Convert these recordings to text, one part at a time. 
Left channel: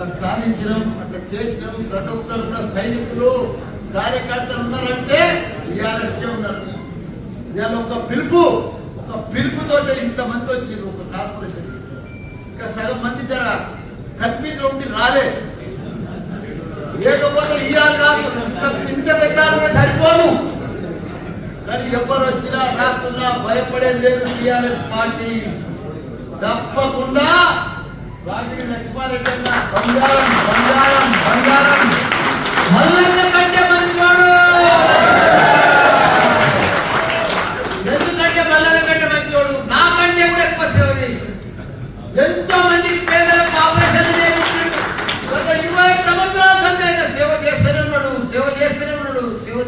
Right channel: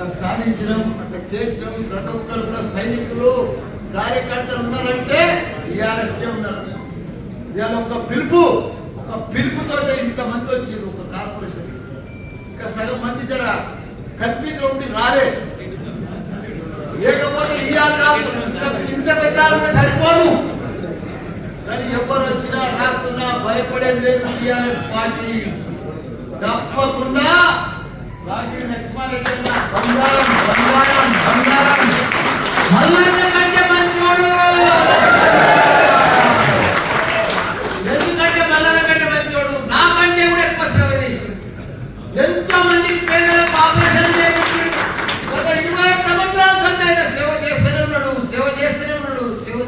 అట్లా సాధించడం అట్లా చేసినాం. ప్రతి ఒక్కరు సైనికులు కార్యకర్తలు ఉన్నారంటే టీఆర్ఎస్కే ఉన్నారు ఇవాళ ఒక పిలుపు ఒక పిలుపుతో ఇంతమంది వచ్చింది ఒక కార్పొరేషన్. ఇంకా సగం మంది జర కన్ఫ్యూజ్ ఉండి రాలే. లేకపోతే ఇవాళ కాదు. ఇంత ఇంత పెట్టాలంటే సరిపోదు. కానీ ఎవరు వచ్చినా రాకున్నా భయపడేది లేదు టీఆర్ఎస్ పార్టీ. తప్పకుండా ఎంతో మందికి పేదలకు ఆపరేషన్ చేయించాడు గత ఇరవై సంవత్సరాల సంది సేవ చేస్తూనే ఉన్నాడు సేవ చేస్తూనే ఉన్నాడు సేవ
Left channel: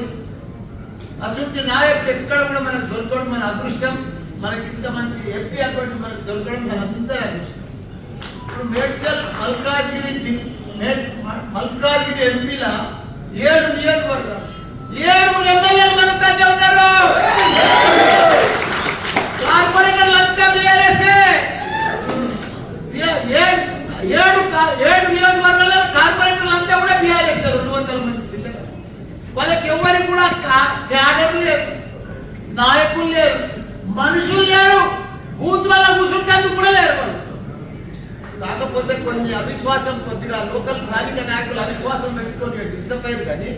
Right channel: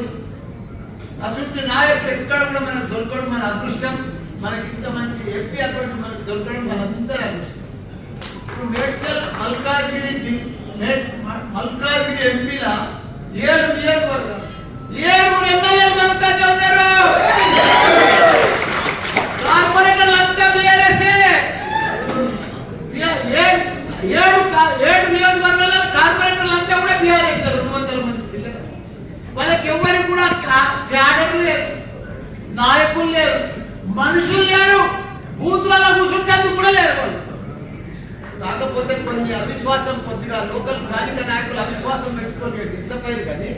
అసలు నాయకుడు ఎక్కడ కూడా మనకు దొరకడం మన అదృష్టం. మనకి ఇంత మంచి ఎంపీ అకౌంట్ మనకు దొరకడం మనందరి అదృష్టం. మేడ్చల్ మల్కాజ్గిరి మల్కాజ్గిరి ఎంపీల ఏడు నియోజకవర్గం ఏడు ఎమ్మెల్యేలు మన ఉన్నారు కార్పొరేటర్లు అంతా బీఆర్ఎస్ఏ. ఏడు ఏడు నియోజకవర్గాల్లో కార్పొరేటర్లు అంతా కూడా బీఆర్ఎస్ రెండు వందల మంది చిల్లర వాళ్ళకి ఎవరికి కూడా క్యాడర్లు లేరు నాయకులు లేరు మనుషులు లేరు బూతులలో కూర్చుంటే కూడా లేరు వాళ్ళు. కాకపోతే కొన్ని అవిశ్వాసం కొద్దిగా లోకల్ స్థానిక నాయకులు అవిశ్వాసం పెట్టుకొని డిస్టర్బ్ అయ్యారు కానీ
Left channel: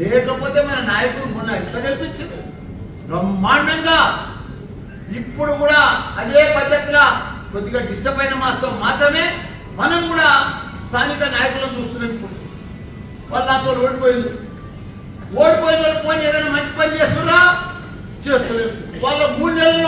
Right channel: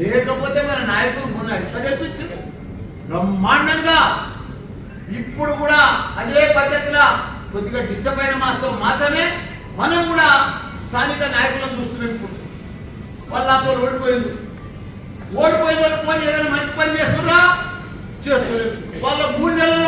లేకపోతే మన నాయకులు మొన్న ఎట్లా గెలిపించారు? బ్రహ్మాండంగా! ఇప్పుడు కూడా అదే పద్ధతిలో కొద్దిగా డిస్టర్బ్ అయిన మాస్తో మాత్రమే మనం కూడా స్థానిక నాయకులను చూస్తున్నాం ఇప్పుడు వాళ్ళు నాతో ఓడిపోయింది ఓడిపోయిన వాళ్ళు పోయి ఏదైనా మంచి పని చేస్తున్నా చేస్తలేదు. వాళ్ళ మూడు నెలల